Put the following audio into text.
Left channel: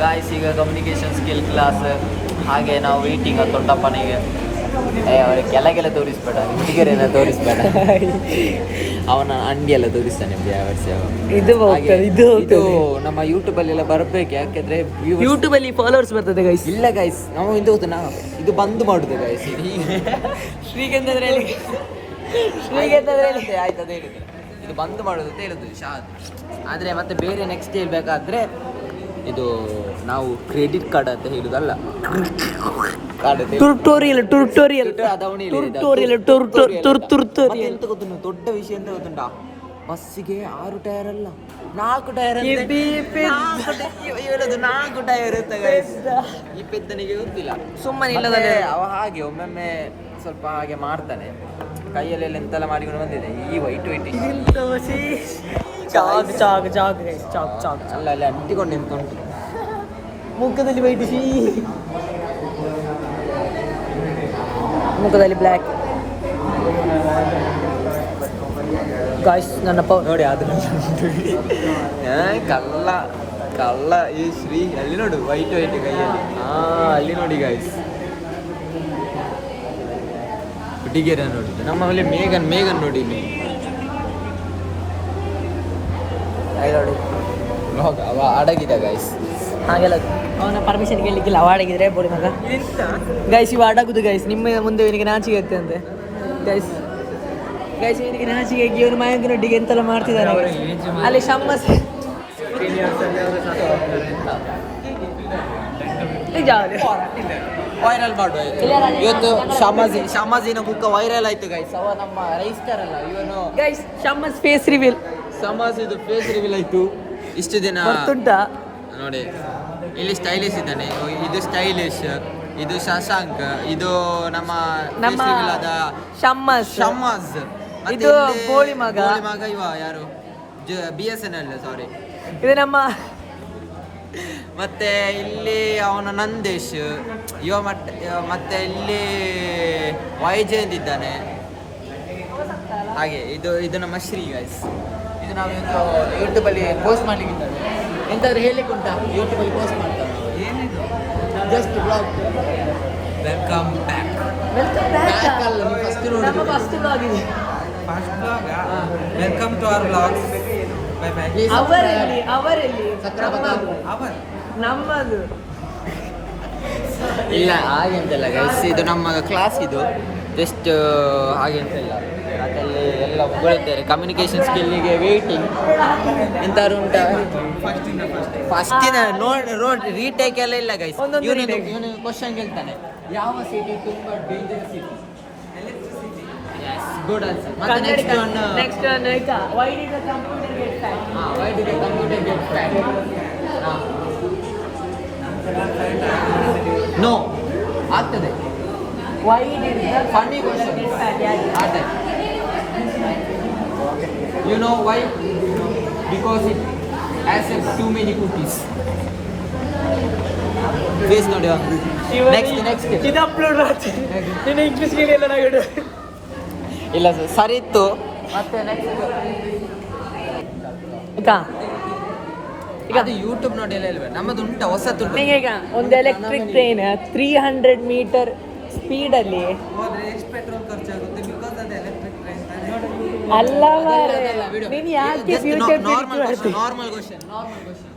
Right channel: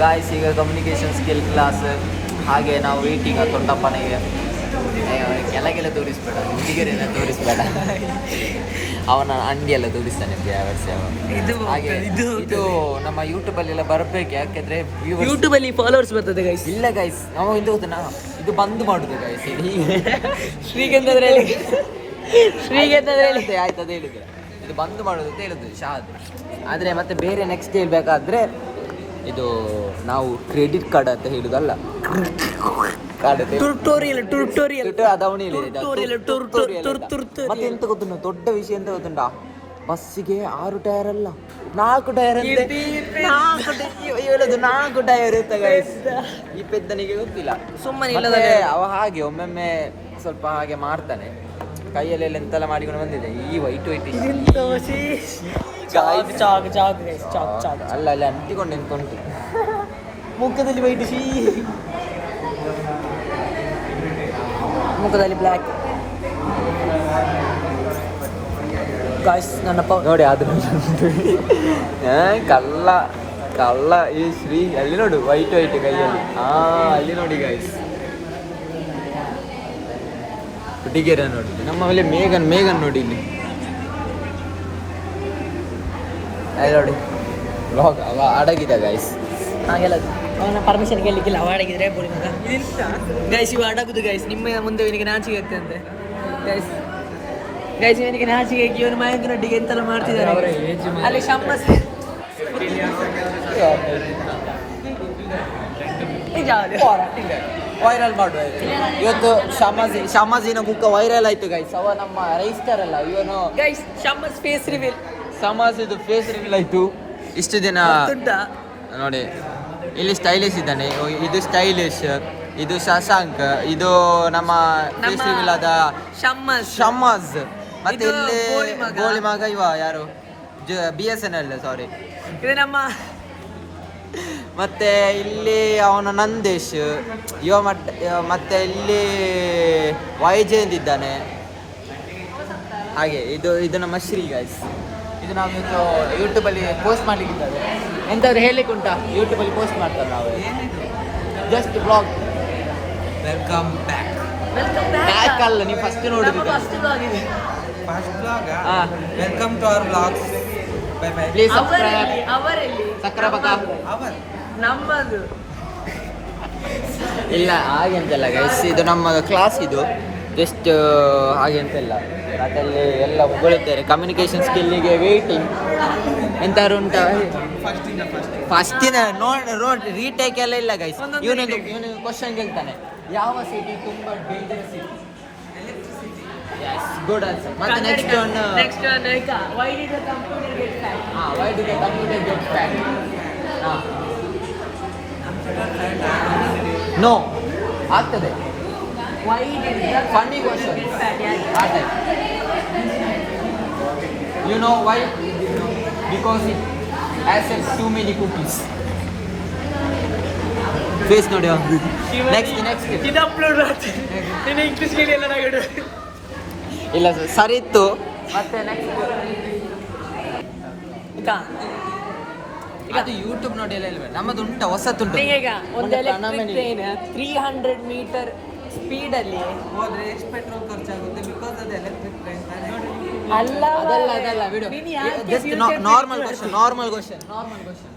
Guys ಈಗ communication skill class, ಹಾಗೆ ನಾವು ವೇಟಿಂಗ್ ತೊಂಡಪ್ಪನಿಗೆ ಕೆಳಗೆಲ್ಲ ತೋರಿಸ್ಬೇಡ, ಹುಡುಗರೆಲ್ಲ ತೋರಿಸ್ಬೇಡ, ಅವನ ಅಂಡಿಯೆಲ್ಲ ತೋರಿಸ್ತಾನೆ. ಇದು ನಮ್ಮ ಯೂಟ್ಯೂಬಲ್ಲೆಲ್ಲ ಬರಬೇಕು, ಯಾಕೆಂದ್ರೆ ಯೂಟ್ಯೂಬಲ್ಲಿ ಫಾಲೋವರ್ಸ್ ಬರ್ತದೆ ಗೈಸ್. ಇಲ್ಲ ಗೈಸ್, ನಾವು ಇದು ಗೊತ್ತುನಾ, ಇದು ಬಂದ್ ಮಾಡುದು ಗೈಸ್. ಆಯ್ತದ ಹೇಳಿದ್ರೆ ಇದು ಬಂದ್ ಮಾಡೋದು ಅಂತ ಹೇಳುದು ಶಾದ್. ಆದರೆ ಮತ್ತೆ ಬೇರೆ ನೆಕ್ಸ್ಟ್ ಹೇಳ್ಬೇಕಾದ್ರೆ ಇದು ನಾವು ಕ್ರೆಡಿಟ್ ಕಾರ್ಡ್ ಅಂತ ಹೇಳುದಲ್ಲ, ಎಂತ ಗೊತ್ತು, ದೊಡ್ಡ ವಿಷಯ ಅಂತ ಗೊತ್ತುಂಟಾ, ಬಸ್ಸಿಗೆ 6 ಟೈರ್ ಅಲ್ಲ 4 ಟೈರ್ ಅಂತ, 4 ಟೈರ್ ಇರುತ್ತೆ ಗೈಸ್. ಈ ಪೆದ್ದನಿಗೆ ಗೊತ್ತಿಲ್ಲ, ಸುಮ್ಮನೆ ಇಲ್ಲದಲ್ಲೇ ಅವ ಹಾಗೆ ಒಮ್ಮೊಮ್ಮೆ ಸ್ವಲ್ಪ ಹಾಗೆ ಮಾಡ್ತಾನೆ, ಕೈಯಲ್ಲೆಲ್ಲ ಎಂತೆಲ್ಲ ಮಾಡಿಕೊಂಡು ಬಂದಿದೆ. ಈ ವೈಟ್ ಅಲ್ಲ ಅಲ್ಲಿ ಅಂಟಿಕೊಂಡು ಎಂತ ಉಂಟು ಮುಖದಲ್ಲಿ ವೈಟ್, ಮುಖದಲ್ಲಿ ಬ್ಲ್ಯಾಕ್. ಗಾಯ್ಸ್ ನನ್ನಪ್ಪ ನೋಡಿ ಅದು ಕಲ್ಲ ಕಲ್ಲ ಈ ಶ್ರೀ ಅಲ್ಲಿ ನೋಡು, ವೈಟ್ ಕೈಯಲ್ಲಿ. ಅಲ್ಲಿ ನೋಡಿ ಗಾಯ್ಸ್, ಹುಡುಗಿಯರ ನೋಡಿ. ನಮ್ಮ ಮೇಲೆ ಮೇಘನ್ ನೋಡಿ ನೋಡಿ ಬ್ಲಾಗ್ ಅವ ಅಡಗಿದ ಗಾಯ್ಸ್. ಹಾಗೆಲ್ಲ ಅವನ ಪರ್ಮಿಷನ್ ಕೇಳಲಿಕ್ಕಿಲ್ಲ, ಅವ ಅಡಗಿದ್ರೆ ಬೋಳಿ ಮಗ ಗೈಸ್. ಇವ ಅಡಗುದು ಗೈಸ್, ನಿಮ್ಮ ಮುಂದೆ ಇವನಿಗೆ ನಾಚಿಕೆ ಆಗ್ತಂತೆ ಗೈಸ್. ಇವನಿಗೆ ನಾಚಿಕೆ ಆಗಿ ಇವನು ಮಯಂಕನೊಟ್ಟಿಗೆ ಎಂತೆಲ್ಲ ಮಾಡ್ತಿದ್ದಾರೆ ಅಲ್ಲಿ. ಶಮ್ಮಸ್ ವೈರಲ್ ಮಾಡುವ ಇವತ್ತು. ಸಮಾಜಿನ ಮುಖ ವೈರಲ್ ಆಯ್ತು ಗೈಸ್. ಅವ ನಮ್ಮ ರೈಸ್ಟರ್ ಅಲ್ಲ ಇವನು ಗೈಸ್. ಶಮ್ಮಸ್ ಫೇಸ್ ರಿವೀಲ್, ಸಮಾಜದ ಫೇಸ್ ರಿವೀಲ್ ಆಯ್ತು ಇಷ್ಟು ದಿನ ನೋಡಿ. ಇಲ್ಲಿ ಸ್ಟೈಲಿಶ್ ಇದ್ದಾನೆ, ಇದು ಸ್ಟೈಲಿಶ್, ಇದು ಶಶಾಂಕ್, ಇದು ನಮ್ಮ ಫೇಸ್ ರಿವೀಲ್ ಆದ ಶಮ್ಮಸ್, ಮತ್ತೆ ಗೋಳಿ ಮಗ ಇವ ಯಾರು, BSNL ಸಾರಿ, ಇದು ನಮ್ಮ. ಮತ್ತೆ ಇಲ್ಲಿ ಅವನ ನಂದೇಶ್ ಇವ, ಮತ್ತೆ ಇಲ್ಲಿ ವೈಜಯಂತ್ ಇದ್ದಾನೆ. ಹಾಗೆ ಇದು ನಮ್ಮ ಶ್ರೀ ಗೈಸ್. ಇದು ನಾವು ಇವತ್ತು ಯೂಟ್ಯೂಬಲ್ಲಿ ಪೋಸ್ಟ್ ಮಾಡ್ಲಿಕ್ಕಿದ್ದೇವೆ. ಎಂತಾದ್ರು ಹೇಳಲಿಕ್ಕೆ ಉಂಟಾ? ಯೂಟ್ಯೂಬಲ್ಲಿ ಪೋಸ್ಟ್ ಮಾಡ್ತಾರೆ ನಾವು. ಏನಿದು just blog. Welcome back. Back ಅಲ್ಲ, ನೀವು ಫಸ್ಟ್ ನೋಡಿದ್ದು first blog. Welcome to our blogs. Bye bye. Please subscribe. ನಮ್ಮದು ಇಲ್ಲ ಹಾಗೆ ಅಂತಲ್ಲ ಗೈಸ್, ಇದು ನಮ್ಮ ಕ್ಲಾಸ್. ಇದು ಜಸ್ಟ್ ಹಾಗೆ ಅಂತೆಲ್ಲ ಅದರಲ್ಲಿ ಎಲ್ಲ ಮುಗಿತಾರೆ. ಕಮ್ಯುನಿಕೇಷನ್ ಸ್ಕಿಲ್ಲಿಗೆ ವೇಟಿಂಗ್ ಎಂತಾರು ಉಂಟಾ? ಫಸ್ಟಿನ ನೋಡಿ ರೀಟೇಕ್ ಎಲ್ಲ ಇಲ್ಲ ಗೈಸ್. ಇವನು ಕ್ವಶನ್ ಕೇಳ್ತಾನೆ, ಯಾವ ಸಿಟಿ ತುಂಬ ಡೇಂಜರಸ್ ಸಿಟಿ? Good answer. ಮತ್ತೆ next one why did the computer get fat? Why did the computer get fat? No, ಆಗ್ತದೆ. Why did the Funny question. You know why? Because it accepts too many cookies. Face ನೋಡಿ. Next. ಇದು upload ಮಾಡ್ತೀನಿ. ನಿನ್ನ English ಗೆ ಎಲ್ಲ ನಗಡು. ಇಲ್ಲ ಸರಿ ಇತ್ತು. ಮತ್ತೆ ನೆಕ್ಸ್ಟ್ ಅದು ಯೂಟ್ಯೂಬ್ ನೋಡಿ ಎಲ್ಲ ಇಲ್ವೇ, ನಮ್ಮದು ಉಂಟ ಹೊಸತುಂಟು. ಈಗ ಒಂದು ಎಲೆಕ್ಟ್ರಿಕ್ ಟ್ರೈನ್ 300 ಮೀಟರ್ ಸ್ಪೀಡ್ ಅಲ್ಲಿ ಹೋದ್ರೆ ಎಷ್ಟು ಪೆಟ್ರೋಲ್ ಖರ್ಚಾಗುತ್ತೆ? ಬಿಕಾಸ್ ಅದು ಎಲೆಕ್ಟ್ರಿಕ್ ಟ್ರೈನ್ ತಾನೆ. ಅಲ್ಲ ನಾರ್ಮಲ್ ಕ್ವೆಶ್ಚನ್